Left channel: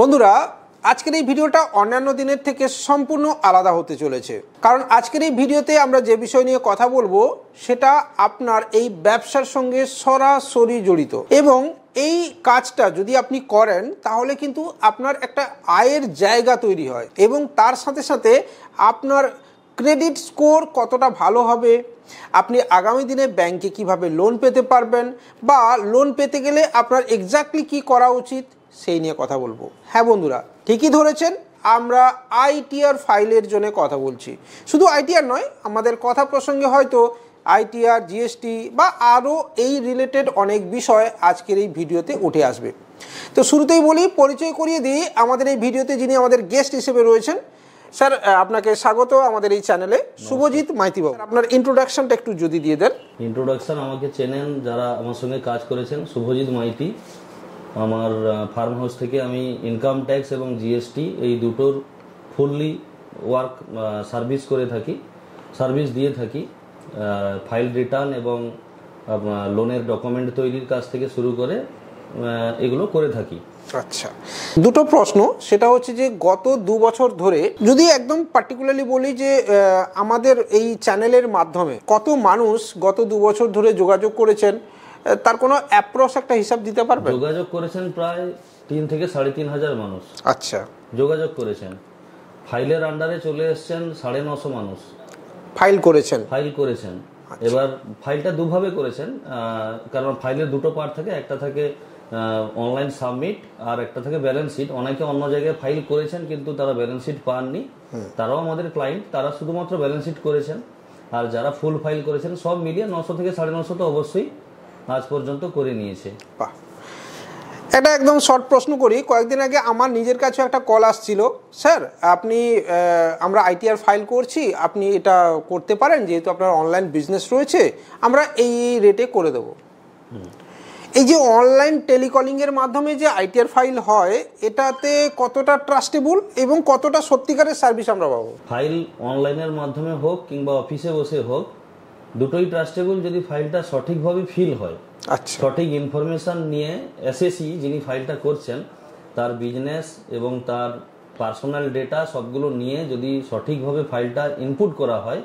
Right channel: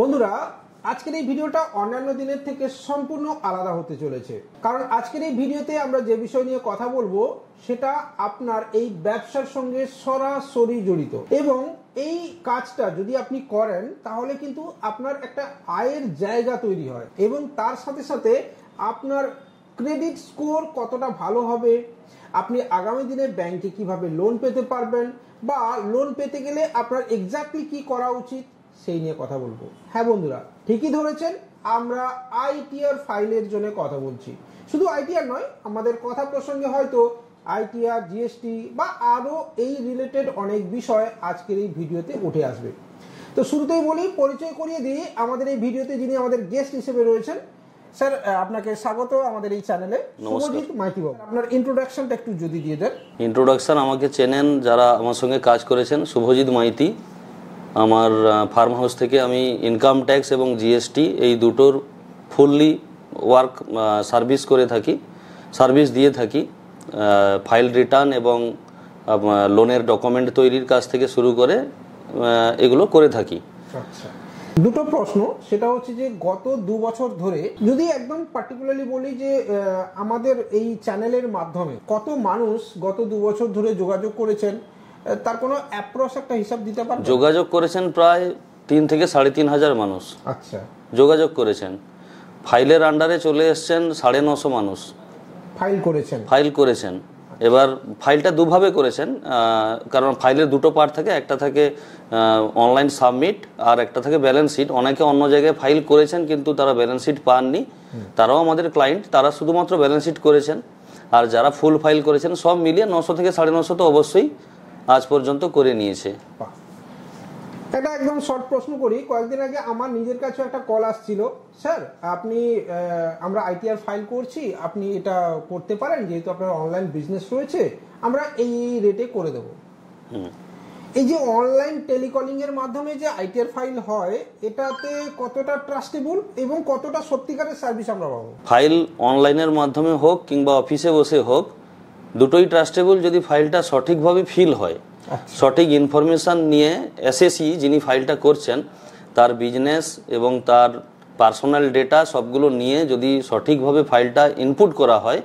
বন্ধুরা আজকের এই ভিডিওটা অন্যান্য দিনের থেকে সম্পূর্ণ আলাদা হতে চলেছে, কারণ আজকের এই ভিডিওতে আমরা যে বিষয় নিয়ে কথা বলবো সেটা আপনার এই ব্যবসার সঙ্গে সরাসরি জড়িত এবং এই কাজটা যদি আপনি করেন তাহলে কিন্তু আপনার একটা আয়ের জায়গা তৈরি হয় এবং তার সাথে সাথে আপনার ক্রেডিট স্কোর কতটা ভালো হবে, আপনি আগামী দিনে ব্যাংকে কিভাবে লোন পেতে পারবেন বা লোন পেতে গেলে আপনার এক্স্যাক্টলি কি করা উচিত সেই নিয়ে কথা বলবো। হ্যাঁ বন্ধুরা, ঠিকই ধরেছেন, আমরা আইটিআর ফাইলের জন্য কথা বলছি। শুধু আইটিআর নয়, আমাদের কথা প্রসঙ্গে হয়তো আইটিআর, জিএসটি বা আরও এই রিলেটেড অনেক বিষয় আজকের এই ভিডিওতে উঠে আসবে। তো শুরুতেই বলি, পরিচয় করিয়ে দিই আমাদের এই ভিডিওতে যিনি আমাদের গেস্ট হিসেবে রয়েছেন। স্যার, আপনাকে স্বাগত আমাদের এই চ্যানেলে। শুভজিৎ মাইতি বাবু, আপনার ইন্ট্রোডাকশনটা একটু যদি দিয়ে দেন। ইন্ট্রোডাকশন আমাকে চেনেন যারা আমার সঙ্গে কাজ করেছেন। শুভজিৎ মাইতি, আমার ফার্ম হাউস থেকে আমি ইনকাম ট্যাক্স এবং জিএসটি এই দুটোর ফুললি ওয়ার্ক সার্ভিস করে থাকি, সার্ভিস দিয়ে থাকি। ফাইল রিটার্ন এবং লোনের ডকুমেন্ট তৈরির কাজ থেকে শুরু করে এগুলো করে থাকি। আচ্ছা, দুটো প্রশ্ন, সেটা হচ্ছে যে গত 2 বছর ধরে যদি একদম পার্টিকুলারলি বলি যে আমাদের এই চ্যানেলের মাধ্যমে কত মানুষ গত 2 বছর ধরে যোগাযোগ করেছেন, তার কোনো অ্যাপ্রক্স একটা হিসাব দিতে পারবেন? যোগাযোগ করেছেন প্রায় 3 থেকে 3,500 মানুষ। আচ্ছা, যোগাযোগ করেছেন। ফাইলের আন্ডারে চলে এসছেন 950 মানুষ ফাইল করেছেন। এবার ফাইলটা দুভাবে করেছেন, কারণ ফাইলের দুটো পার্ট থাকে, একটা থাকে অনলাইন সাবমিট আর একটা থাকে ব্যালেন্স শিট। অনেকে অন্য জায়গায় ফাইল করেছেন কিন্তু তারা ব্যালেন্স শিট পাননি, তারাও আমাদের ক্লায়েন্ট, তারা শুধুমাত্র ব্যালেন্স শিট করেছেন। আর যারা ফুল ফাইল করেছেন সব মিলিয়ে 900 থেকে 950 তো অবশ্যই আজ পর্যন্ত করে নিয়েছে। এটা একদম শর্ট প্রশ্ন করি, কয়েকদিন আগে আমার নিজের কাছে একটা কল আসছিল, স্যার আপনি আমরা আইটিআর ফাইল করছি, আপনি এটা করতে পারেন, যেহেতু আপনার অনলাইন বিজনেস রয়েছে আমরা এই রেটে করে দেবো। এই যে অনলাইন টেলিকলিংয়ের মাধ্যমে যে আইটিআর ফাইল হয়, এটাতে কতটা ট্রাস্টেবল এবং কতটা সত্যিকারের সার্ভিস আমরা পাবো? ফাইল অনলাইনের মাধ্যমে হোক কিংবা অফিসে বসে হোক, দুটোই ট্রাস্টেবল যদি ফাইলটা সঠিকভাবে ফিল হয়। আচ্ছা, সঠিক ইনফরমেশান নিয়ে এসএসি যিনি ফাইলটা করছেন তার বিজনেস এবং তার পার্সোনাল ডেটা সবগুলো নিয়ে যদি সঠিকভাবে ফাইলটা ইনপুট করা হয়,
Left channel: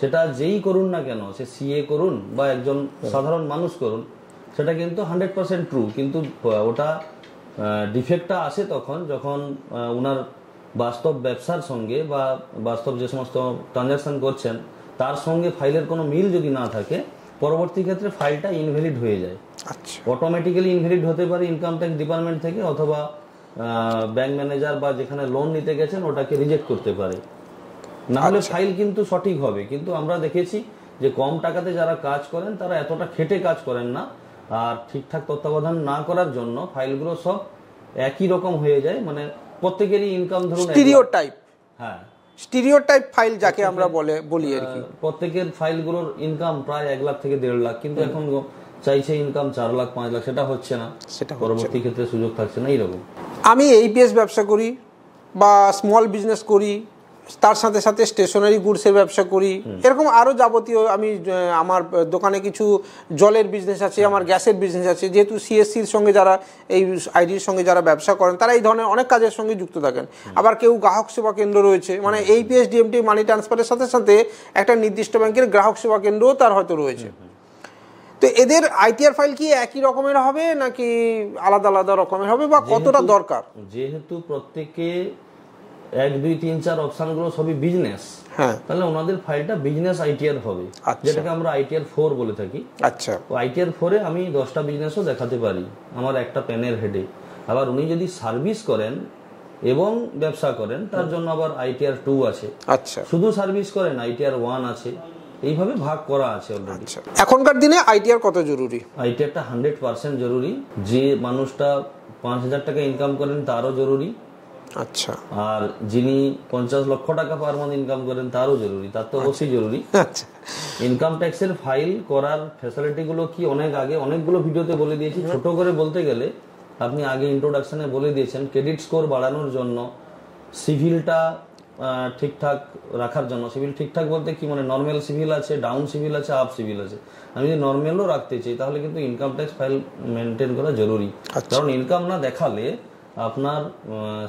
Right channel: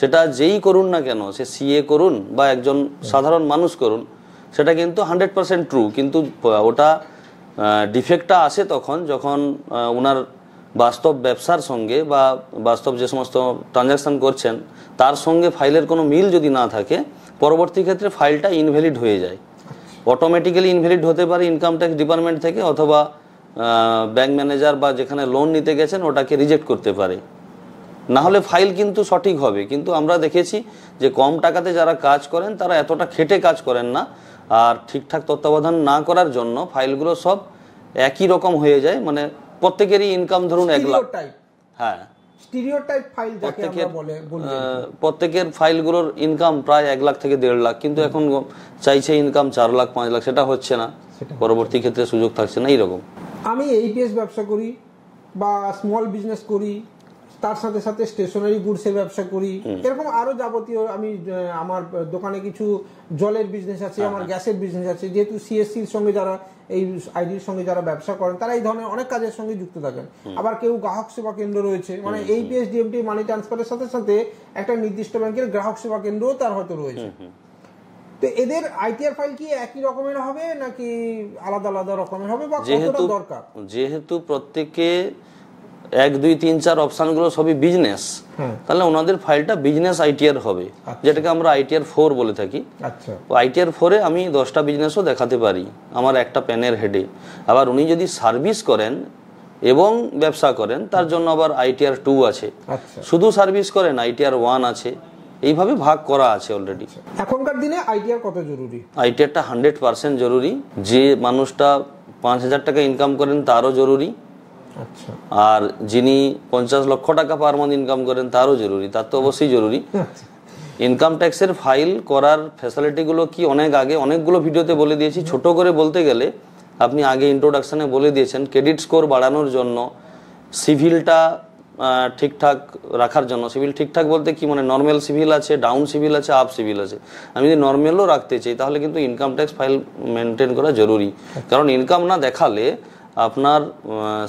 সেটা যেই করুন না কেন, সে সিএ করুন বা একজন সাধারণ মানুষ করুন, সেটা কিন্তু 100% ট্রু। কিন্তু ওটা ডিফেক্টটা আসে তখন যখন ওনার বাস্তব ব্যবসার সঙ্গে বা বাস্তব যে সমস্ত ট্রানজাকশান করছেন তার সঙ্গে ফাইলের কোনো মিল যদি না থাকে, পরবর্তী ক্ষেত্রে ফাইলটা ইনভ্যালিড হয়ে যায়। অটোমেটিক্যালি ইনভ্যালিড হতে পারে ইনকাম ট্যাক্স ডিপার্টমেন্ট থেকে, অথবা ব্যাংক ম্যানেজার বা যেখানে লোন নিতে গেছেন ওটাকে রিজেক্ট করতে পারে। না হলে ফাইল কিন্তু সঠিক হবে, কিন্তু আমরা দেখেছি যে কম টাকাতে যারা কাজ করেন তারা এতটা খেটে কাজ করেন না, আর ঠিকঠাক তত্ত্বাবধান না করার জন্য ফাইলগুলো সব একই রকম হয়ে যায়। মানে প্রত্যেকেরই ইনকাম ধরুন স্টিরিওটাইপ, হ্যাঁ স্টিরিওটাইপ ফাইল যাকে আমরা বলি, প্রত্যেকের ফাইলগুলোর ইনকাম প্রায় 1 লাখ থেকে 1.5 লাখ, কিন্তু এখন চাইছে ইনকাম 4 লাখ 5 লাখ, সেটা হচ্ছে না, পরবর্তী ক্ষেত্রে সুযোগ থাকছে না। এইরকম আমি এইপিএস ব্যবসা করি বা স্মল বিজনেস করি, তার সাথে সাথে স্টেশনারি গুডসের ব্যবসা করি, এরকম আরও যাবতীয়, আমি আমার দোকানে কিছু জলের বিজনেস আছে, আমার গ্যাসের বিজনেস আছে। যেহেতু সিএসসির সঙ্গে যারা, এই আইডির সঙ্গে যারা ব্যবসা করেন তারা এই ধরনের অনেক কাজের সঙ্গে যুক্ত থাকেন। আবার কেউ গ্রাহক সেবা কেন্দ্র রয়েছে, মানে এইপিএস ডিএমটি মানি ট্রান্সফারের সাথে সাথে একটা নির্দিষ্ট ব্যাংকের গ্রাহক সেবা কেন্দ্রও তার হয়তো রয়েছে। তো এদের আইটিআর ফাইল কি একই রকমের হবে নাকি আলাদা আলাদা রকমের হবে বা কতটা দরকার? যেহেতু প্রত্যেকে 1, 2, 3, 4 অপশানগুলো সবই বিজনেস, তাহলে ওনাদের ফাইলটা বিজনেস আইটিআর হবে, যেটাকে আমরা আইটিআর 4 বলে থাকি। আচ্ছা, আইটিআর 4-এ আমি 10টা বিজনেসও দেখাতে পারি আমার একটা প্যানের হেডে। আবার উনি যদি সার্ভিস করেন এবং ব্যবসা করেন তার জন্য আবার আইটিআর 2 আছে। আচ্ছা, শুধু সার্ভিস করেন আইটিআর 1 আছে, এইভাবে ভাগ করা আছে অলরেডি। এখনকার দিনে আইটিআর কত জরুরি? আইটিআরটা 100% জরুরি। যে মানুষটা 5,000 টাকা ইনকাম করেন তারও জরুরি। আচ্ছা, আর যিনি 50 লক্ষ টাকা পার মান্থ ইনকাম করেন তারও জরুরি, তার তো অবশ্যই জরুরি। আচ্ছা, ইনকাম ট্যাক্সের ফাইল করার ফ্যাসিলিটিগুলো কি অনেক আগে অনেকগুলো ভিডিওতে বলে দিয়েছি। ছোট করে বলতে গেলে আপনি আগে ইন্ট্রোডাকশনে বলে দিয়েছেন, ক্রেডিট স্কোর বাড়ানোর জন্য, সিভিলটা ঠিকঠাক রাখার জন্য। সিভিল ঠিকঠাক বলতে কি, মানে নর্মাল সিভিল আছে, ডাউন সিভিল আছে, আপ সিভিল আছে। আমি যদি নর্মালও রাখতে চাই তাহলে কিন্তু ইনকাম ট্যাক্স ফাইল মেনটেন করা জরুরি, কারণ ইনকাম না দেখালে আপনার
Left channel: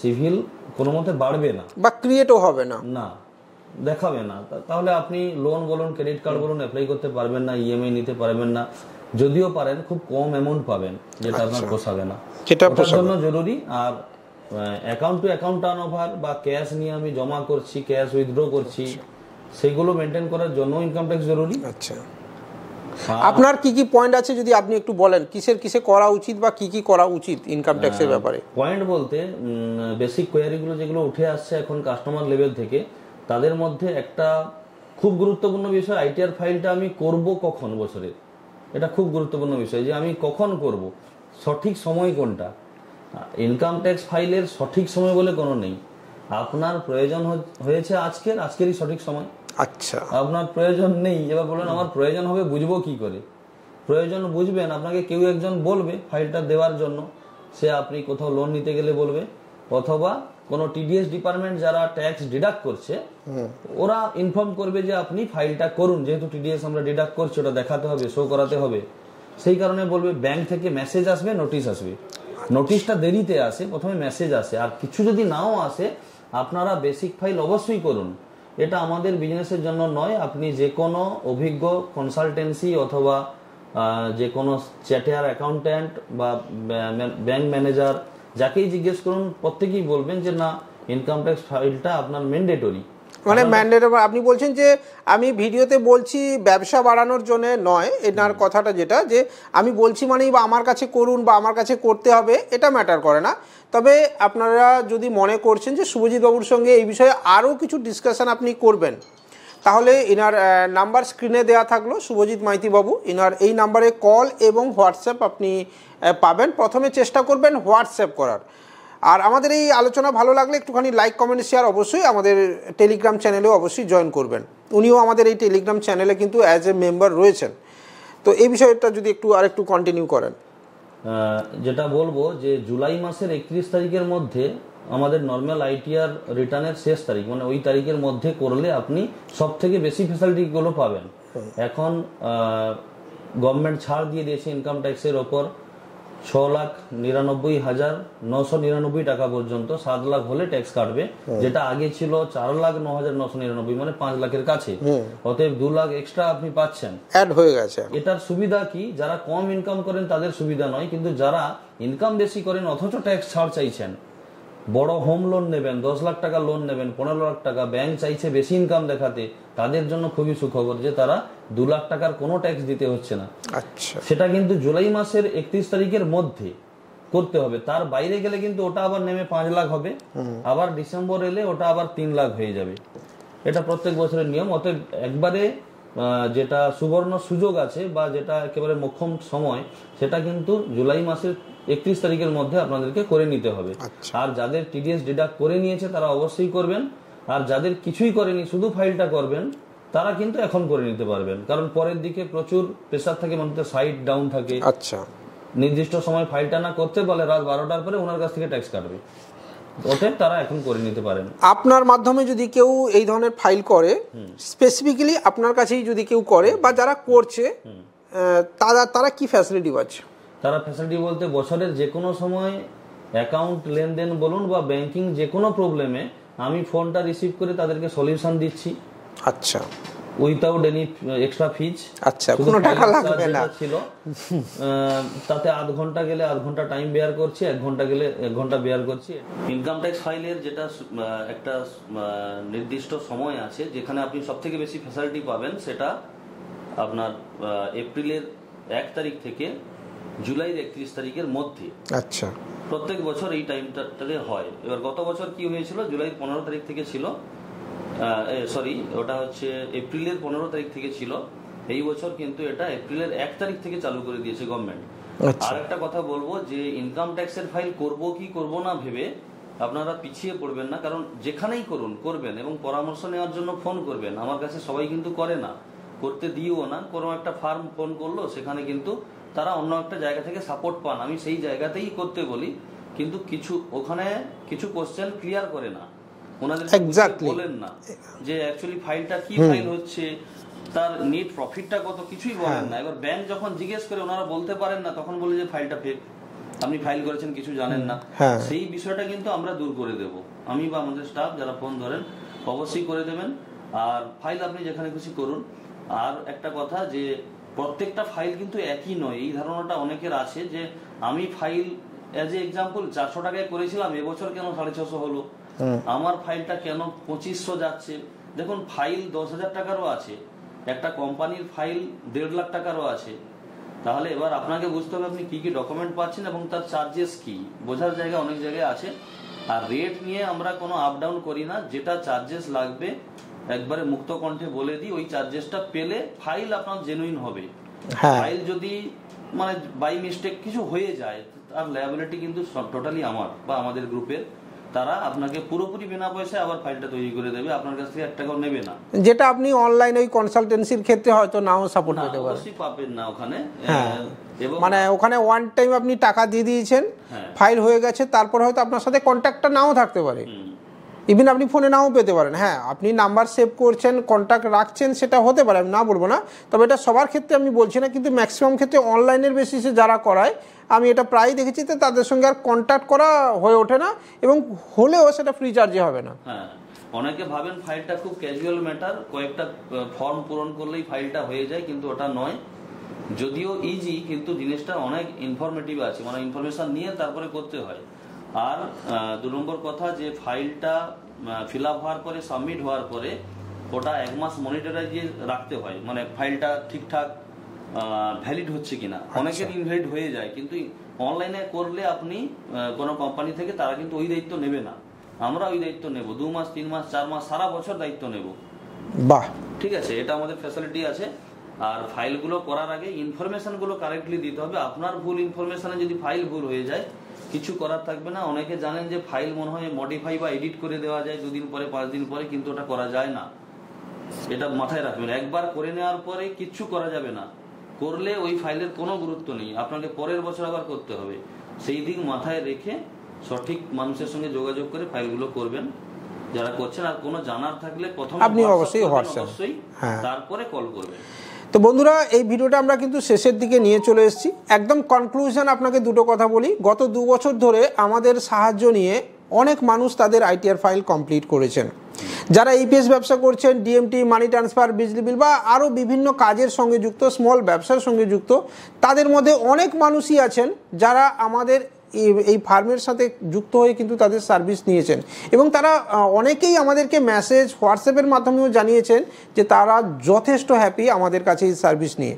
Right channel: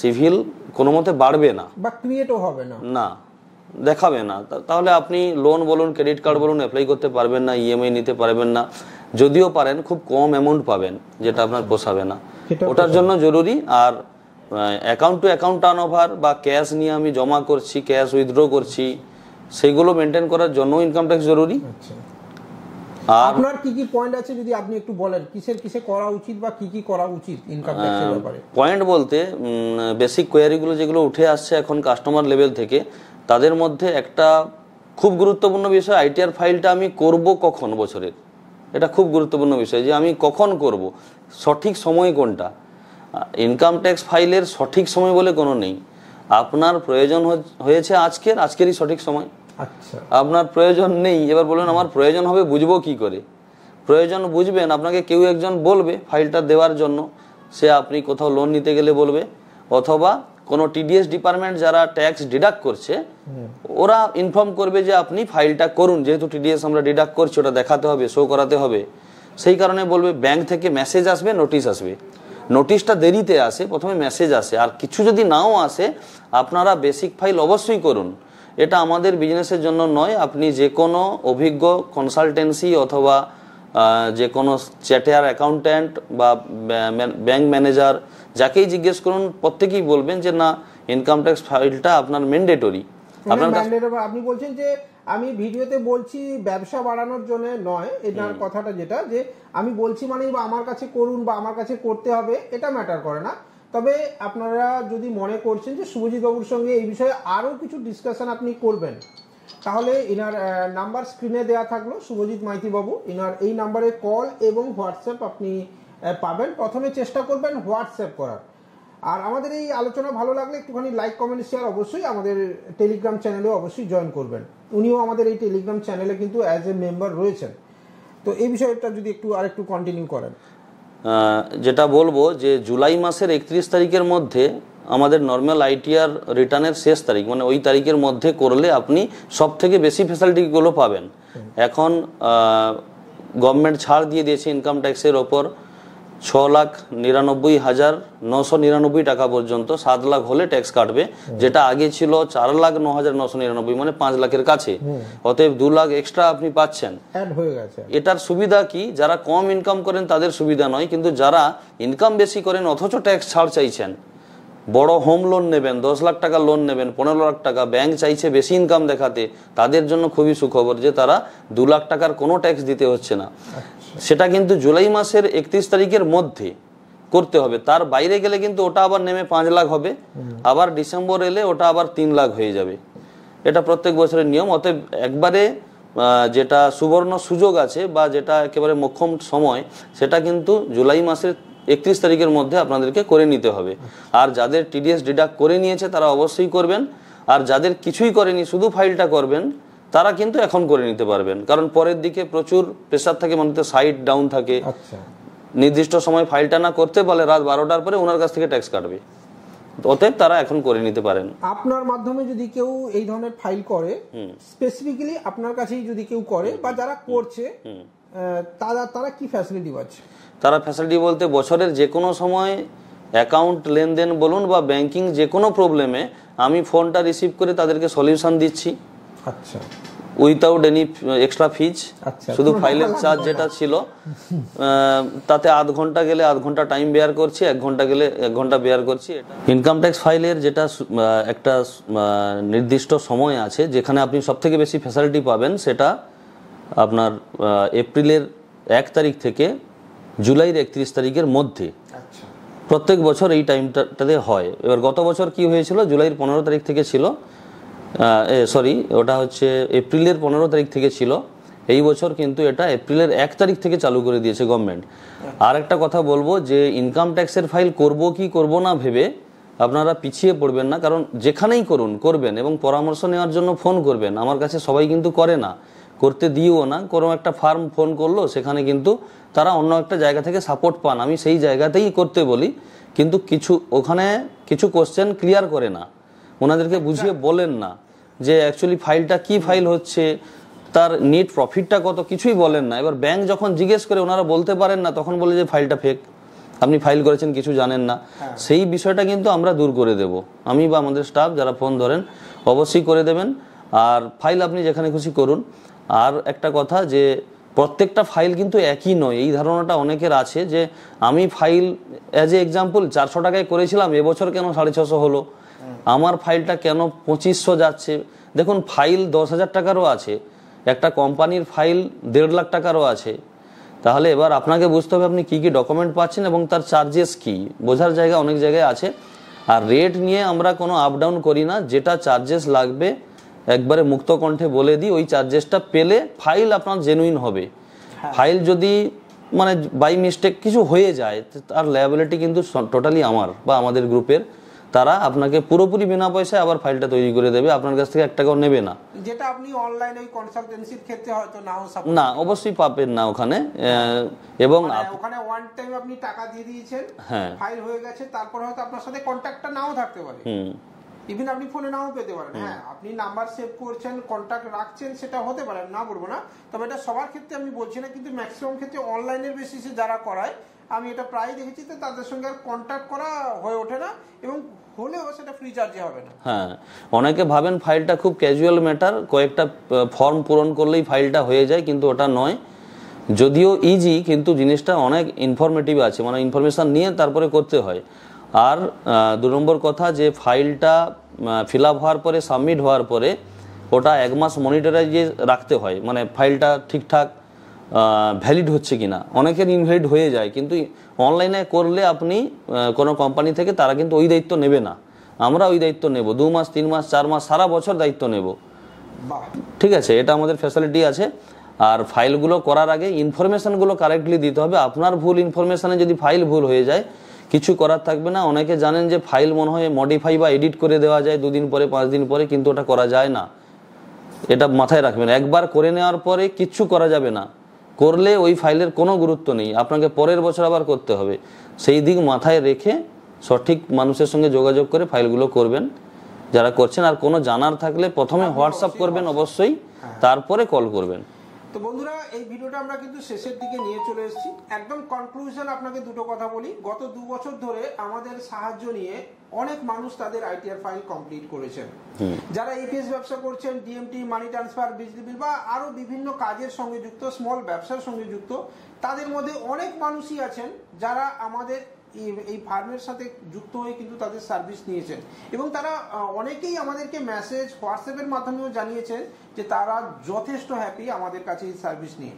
সিভিল কোনো মতে বাড়বে না বা ক্রিয়েটও হবে না, না দেখাবে না। তাহলে আপনি লোন বলুন, ক্রেডিট কার্ড বলুন অ্যাপ্লাই করতে পারবেন না, ইএমআই নিতে পারবেন না, যদিও পারেন খুব কম অ্যামাউন্ট পাবেন যেটা আপনার পোষাবে না। ওটার জন্য জরুরি। আর account to account turnover বা ক্যাশ নিয়ে আমি জমা করছি, ক্যাশ উইথড্র করছি, সেগুলো মেনটেন করার জন্য ইনকাম ট্যাক্স জরুরি। আচ্ছা, আপনার কি কি পয়েন্ট আছে যদি আপনি একটু বলেন, কিসে করা উচিত বা কি করা উচিত ইনকাম ট্যাক্সের ব্যাপারে? পয়েন্ট বলতে বেসিক কোয়ারিগুলো যেগুলো উঠে আসছে এখন কাস্টমার লেভেল থেকে, তাদের মধ্যে একটা খুব গুরুত্বপূর্ণ বিষয়, আইটিআর ফাইলটা আমি করব কখন বছরের, এটা খুব গুরুত্বপূর্ণ বিষয় যে আমি কখন করব, সঠিক সময় কোনটা। ইনকাম ট্যাক্স ফাইলের সঠিক সময় বলে কোনো নেই। আপনার প্রয়োজন হয়েছে আজকেরই সঠিক সময়। আচ্ছা, আপনার প্রয়োজন নেই, এবার বলুন আমার প্রয়োজন হবে, বুঝবো কি করে? প্রয়োজন বুঝবেন, আপনাকে কেউ একজন বলবে ফাইলটা দেওয়ার জন্য, সে আপনি কোথাও লোন নিতে গেলে বলবে, অথবা কোনো টিডিএস ডিপার্টমেন্ট যারা ট্যাক্স ডিডাক্ট করছে ওরা ইনফর্ম করবে যে আপনি ফাইলটা করুন, যেহেতু টিডিএস আমরা ডিডাক্ট করছি ওটা দেখাতে হবে, শো করাতে হবে। সেই কারণে বলবে ব্যাংক থেকে মেসেজ আসবে, নোটিশ আসবে। নোটিশটা দেরিতে আসে, প্রথমে মেসেজ আসে, আর কিছু যদি নাও আসে আপনারা বেসিক ফাইল অবশ্যই করুন। এটা আমাদের বিজনেসের জন্য নয়, আপনি যে কোনো অভিজ্ঞ কনসালটেন্সি অথবা যে কোনো চ্যাটার অ্যাকাউন্ট্যান্ট বা ব্যাংক ম্যানেজার যাকেই জিজ্ঞেস করুন, প্রত্যেকেই বলবেন যে না, ইনকাম ট্যাক্স ফাইলটা আপনার ম্যান্ডেটরি। মানে ম্যান্ডেটরি আপনি বলছেন যে আমি ভিডিওতে বলছি ব্যবসা বাড়ানোর জন্য নয়, এনার কথাটা যেটা যে আমি বলছি মানেই বা আমার কাছে করুন বা আমার কাছে করতে হবে এটা ম্যাটার করে না। তবে আপনারা যদি মনে করছেন যে শুভজিৎ বাবুর সঙ্গে এই বিষয়ে আরও কিছু ডিসকাশন আপনি করবেন, তাহলে এনার নাম্বার স্ক্রিনে দেওয়া থাকলো, শুভজিৎ মাইতি বাবু, এনার এই নাম্বারে কল এবং হোয়াটসঅ্যাপ আপনি পাবেন। প্রথমে চেষ্টা করবেন হোয়াটসঅ্যাপ করার। আর আমাদের এই আলোচনা ভালো লাগলে একটুখানি লাইক কমেন্ট শেয়ার অবশ্যই আমাদের টেলিগ্রাম চ্যানেলেও অবশ্যই জয়েন করবেন। উনিও আমাদের এই টেলিগ্রাম চ্যানেলে কিন্তু অ্যাজ এ মেম্বার রয়েছেন। তো এই বিষয়টা যদি আরেকটু কন্টিনিউ করেন। যেটা বলবো যে জুলাই মাসের 31 তারিখের মধ্যে আমাদের নর্মাল আইটিআর রিটার্নের শেষ তারিখ, মানে ওই তারিখের মধ্যে করলে আপনি সব থেকে বেশি ফ্যাসিলিটিগুলো পাবেন। এখন গভর্নমেন্ট ছাড় দিয়ে দিয়েছে ইনকাম ট্যাক্সের ওপর 6,99,999 টাকা পর্যন্ত, 7 লাখ হলে ট্যাক্স কাটবে, যেটা আগে ছিল 4,09,999, মানে 5 লাখের কাছে। অতএব 2 লাখ এক্সট্রা আপনি পাচ্ছেন, অ্যাড হয়ে গেছে। এটার সুবিধা কি, যারা কম ইনকাম করেন তাদের সুবিধা নয়, কিন্তু যারা ইনকাম বেশি করেন অথচ ট্যাক্স ছাড় চাইছেন, বড় হোম লোন নেবেন, 10 লাখ টাকা লোন নেবেন, 15 লাখ টাকা, ব্যাংক চাইছে বেশি ইনকাম দেখাতে, তাদের জন্য খুবই সুখবর যে তারা 2 লাখ টাকার কোনো ট্যাক্স দিতে হচ্ছে না। সেটা কিন্তু জুলাই মাসের 31 তারিখের মধ্যে করতে হবে, তার বাইরে গেলে কিন্তু ওটা আবার নেমে 5 লাখ হবে, আবার ডিসেম্বর এলে ওটা আবার 3 লাখ হয়ে যাবে। এটা প্রত্যেক বছরের নিয়ম। অতএব একবারে যেটা সুবর্ণ সুযোগ আছে বা যেটা একেবারে মোক্ষম সময়, সেটা কিন্তু জুলাই মাসের 31 তারিখের মধ্যে আপনাদেরকে করে নিতে হবে। আর যাদের টিডিএস ডিডাক্ট করে নিয়েছে তারা অবশ্যই করবেন, আর যাদের কিছুই করেনি শুধু ফাইলটা করবেন তারা কিন্তু এখন করে নিতে পারবেন, কারণ পরের দিকে প্রচুর প্রেসার থাকে, মানে সাইড ডাউন থাকে। আচ্ছা, নির্দিষ্ট সময় ফাইলটা না করতে বলে রাত 12টার পরে ওনার কাছ থেকে ট্যাক্স কাটবে, অতএব তারা এখন করে নিতে পারেন। আপনার মাধ্যমে যদি কেউ এই ধরনের ফাইল করে, স্পেসিফিক্যালি আপনার কাছেই যদি কেউ করে বা যারা করছে, তারা কি ফ্যাসিলিটি পাচ্ছে? তারা ফ্যাসিলিটি বলতে বছরের যে কোনো সময় অ্যাকাউন্ট লেনদেন বলুন বা ব্যাংকিং যে কোনো প্রবলেমে আমি ফোনটা রিসিভ করে তাদেরকে সলিউশন দিচ্ছি। আচ্ছা, উইথাউট এনি এক্সট্রা ফিজ। আচ্ছা, শুধু ফাইলের চার্জ যেটা ছিল তাতে আধ ঘন্টা গেলে আধ ঘন্টা টাইম বেয়ার করছি, 1 ঘন্টা গেলে 1 ঘন্টা বেয়ার করছি। ইনকাম ট্যাক্স ফাইলের যেটা একটা নির্দিষ্ট সময় আছে যেখানে আপনি সব থেকে বেশি ফ্যাসিলিটি পাবেন, সেটা আপনার এপ্রিলের 1 তারিখ থেকে জুলাইয়ের 31 তারিখের মধ্যে। আচ্ছা, প্রত্যেক বছর এই টাইমটাতে হয়। এবার গত বছর কি হয়েছিল, জুলাইয়ের 15 তারিখ থেকে ছিল, ওটা হচ্ছে এপ্রিলের 15 তারিখ থেকে ছিল। এই বছর কিন্তু এটা এপ্রিলের 1 তারিখ থেকে চালু করে দিয়েছে গভর্নমেন্ট। আর একটা কথা বলবো যে ইনকাম ট্যাক্সের ফাইল করব কি করব না ভেবে আপনারা পিছিয়ে পড়বেন না, কারণ যেখানেই করবেন এবং পরামর্শ নেওয়ার জন্য ফোন করবেন। আমার কাছে সবাই কিন্তু করে না, করতে দিও না। কোনো একটা ফার্ম ফোন করলো, সেখানে কিন্তু তারা অন্য একটা জায়গা থেকে সাপোর্ট পান, আমি সেই জায়গাতেই করতে বলি, কিন্তু ওখানে কিছু কোশ্চেন ক্লিয়ার করে না, ওনাদেরকে বুঝিয়ে বলেন না যে অ্যাকচুয়ালি ফাইলটা কি ফাইল হচ্ছে, তার নেট প্রফিটটা কত, কিছুই বলেন না। এবার ব্যাংক যখন জিজ্ঞেস করে ওনারা বলতে পারেন না, তখন বলে যে ফাইলটা ফেক। আপনি ফাইল করেছেন কিছু জানেন না, সেই বিষয়টা কিন্তু আমরা দূর করে দেব, আমি বা আমাদের স্টাফ যারা ফোন ধরেন অবশ্যই করে দেবেন। আর ফাইল আপনি যেখানে খুশি করুন। আর একটা কথা যে প্রত্যেকটা ফাইল কিন্তু একই নয়, এই ধারণাটা অনেকের আছে যে আমি ফাইল অ্যাজ এ এক্সাম্পল 400 টাকায় করেছিলাম, এবছর কেন 650 হলো, আমার ফাইলটা কেন 2500 যাচ্ছে। দেখুন ফাইল 10,000 টাকারও আছে, একটা কোম্পানির ফাইল 1.5 লাখ টাকারও আছে। তাহলে এবার আপনাকে বুঝতে হবে আপনি কি কি ডকুমেন্ট পাচ্ছেন এবং তার চার্জেস কি, বোঝার জায়গা অনেক জায়গায় আছে। আর রেট নিয়ে আমরা কোনো আপ ডাউন করি না, যেটা চার্জেস লাগবে একবারে মুক্ত কণ্ঠে বলে দিই, ওই চার্জেসটা পেলে ফাইল আপনার জেনুইন হবে। ফাইল যদি মানে বাই মিস্টেক কিছু হয়ে যায় তার লায়াবিলিটি কিন্তু টোটালি আমার বা আমাদের গ্রুপের, তারা আপনাকে পুরোপুরি বিনা পয়সায় আবার ফাইলটা তৈরি করে দেবে, আপনার কাছ থেকে 1 টাকাও নেবে না। যেটা আপনি অনলাইন ওই কনসালটেন্সির ক্ষেত্রে হয়তো নাও সাপোর্ট না, অবশ্যই পাবেন না ওখানে। এবং মানে ওখানে ওয়ান টাইম আপনি টাকা দিয়ে দিয়েছেন, ফাইল হয়ে গেছে, তারপর হয়তো আপনার সাথে কন্ট্যাক্টটা নাও থাকতে পারে, ইভেন আপনি ফোনে নাও পেতে পারেন। হ্যাঁ, আপনি নাম্বার সেভ করছেন, কন্ট্যাক্ট রাখছেন, সেটা হতে পারে, আমি না বলবো না, তবে এটা সবার ক্ষেত্রে আমি বলছি না, কিন্তু ম্যাক্সিমাম ক্ষেত্রে অনলাইনের বেসিসে যারা করায় আমি এটা প্রায় দেখেছি, তো তাদের সঙ্গে আর কন্ট্যাক্ট করা হয়ে ওঠে না, এবং হলেও সেটা ফ্রি চার্জে হবে না। হ্যাঁ, অনেকে ভাবেন ফাইলটা খুব ক্যাজুয়াল ম্যাটার, কয়েকটা ফর্ম পূরণ করলেই ফাইলটা হয়ে যায়, কিন্তু ওটা নয়। যদিও ইজি, কিন্তু জিনিসটা অনেক ইনফরমেটিভ আছে, মানে ইনফরমেশন নিয়ে তারপরে করতে হয়। আর 2 নম্বর কথা যে ফাইলটা ফিল আপ হওয়ার পরে, সাবমিট হওয়ার পরে ওটা 1 মাস মনিটরাইজে রাখতে হয়, মানে ফাইলটা ঠিকঠাক ভ্যালিড হচ্ছে কিনা। অনেকের ইনভ্যালিড হয়ে যায়, কিন্তু অনলাইনে করলে আপনি কোনো কোম্পানি থেকে তারা কিন্তু ওই দায়িত্ব নেবে না, আমরা ওই দায়িত্ব নেব, 2 মাস 3 মাস 4 মাস সারা বছর দায়িত্ব নেব। বাহ, ঠিক আছে, এটা আমাদের ফ্যাসিলিটি আছে। আর ফাইলগুলো করার আগে ইনফরমেশনগুলো কারেক্টলি দিতে হবে। আপনার ভুল ইনফরমেশনে যদি ফাইল ভুল হয়ে যায় কিছু করার থাকবে না। অনেকে জানেন যে ফাইল মনে হয় মডিফাই বা এডিট করে দেওয়া যায় 2 দিন পরে 5 দিন পরে, কিন্তু ওটা করা যায় না, এটা মাথায় রাখবেন। একবার করে নেওয়ার পরে কিচ্ছু করা যাবে না, করলে ওই ফাইলের কোনো গুরুত্ব নেই, আপনাকে পরের বছর আবার করতে হবে। সেই দিক মাথায় রেখে সঠিক মানুষের সঙ্গে যোগাযোগ করে ফাইলগুলো করবেন যারা করছেন। আর কোনো জানার থাকলে প্রথমে হোয়াটসঅ্যাপ করবেন অবশ্যই, তারপরে কল করবেন। তো বন্ধুরা, এই ভিডিওটা আমরা কিন্তু শেষের দিকে নিয়ে চলে এসেছি। একদম কনক্লুশন আপনাকে 2টো কথা বলি। গত 2 বছর ধরে আমাদের সাহায্য নিয়ে অনেক মানুষ তাদের আইটিআর ফাইল কমপ্লিট করেছেন। যারা ইপিএস ব্যবসা করছেন, ডিএমটি, মানি ট্রান্সফার, বিজলি বিল বা আরও বিভিন্ন কাজের সঙ্গে যুক্ত, স্মল ব্যবসার সঙ্গে যুক্ত, তাদের মধ্যে অনেক মানুষই আছেন যারা আমাদের এই ফার্মের সাথে যুক্ত হয়ে কিন্তু তাদের সার্ভিস নিয়েছেন, এবং তারা অনেকেই আমাদেরকে মেসেজ, হোয়াটসঅ্যাপের মাধ্যমেও জানিয়েছেন যে তারা যথেষ্ট হ্যাপি আমাদের কাছে এই সার্ভিস নিয়ে।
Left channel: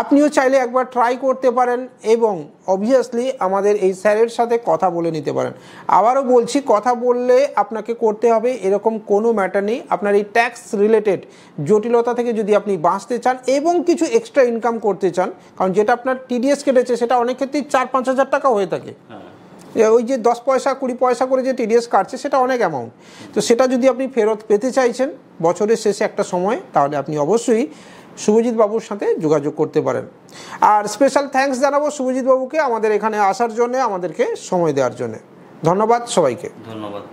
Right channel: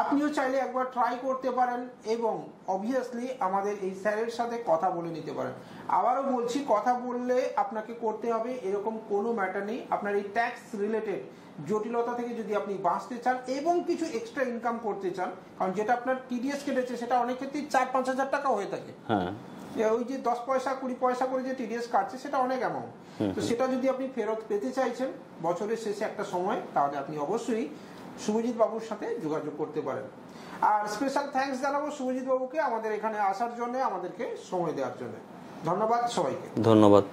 আপনিও চাইলে একবার ট্রাই করতে পারেন এবং অবভিয়াসলি আমাদের এই স্যারের সাথে কথা বলে নিতে পারেন। আবারও বলছি, কথা বললে আপনাকে করতে হবে এরকম কোনো ম্যাটার নেই। আপনার এই ট্যাক্স রিলেটেড জটিলতা থেকে যদি আপনি বাঁচতে চান এবং কিছু এক্সট্রা ইনকাম করতে চান, কারণ যেটা আপনার টিডিএস কেটেছে সেটা অনেক ক্ষেত্রেই 4-5 হাজার টাকা হয়ে থাকে, ওই যে 10 পয়সা 20 পয়সা করে যে টিডিএস কাটছে সেটা অনেক অ্যামাউন্ট। তো সেটা যদি আপনি ফেরত পেতে চাইছেন বছরের শেষে একটা সময়, তাহলে আপনি অবশ্যই শুভজিৎ বাবুর সাথে যোগাযোগ করতে পারেন। আর স্পেশাল থ্যাঙ্কস জানাবো শুভজিৎ বাবুকে আমাদের এখানে আসার জন্য, আমাদেরকে সময় দেওয়ার জন্য। ধন্যবাদ সবাইকে। ধন্যবাদ।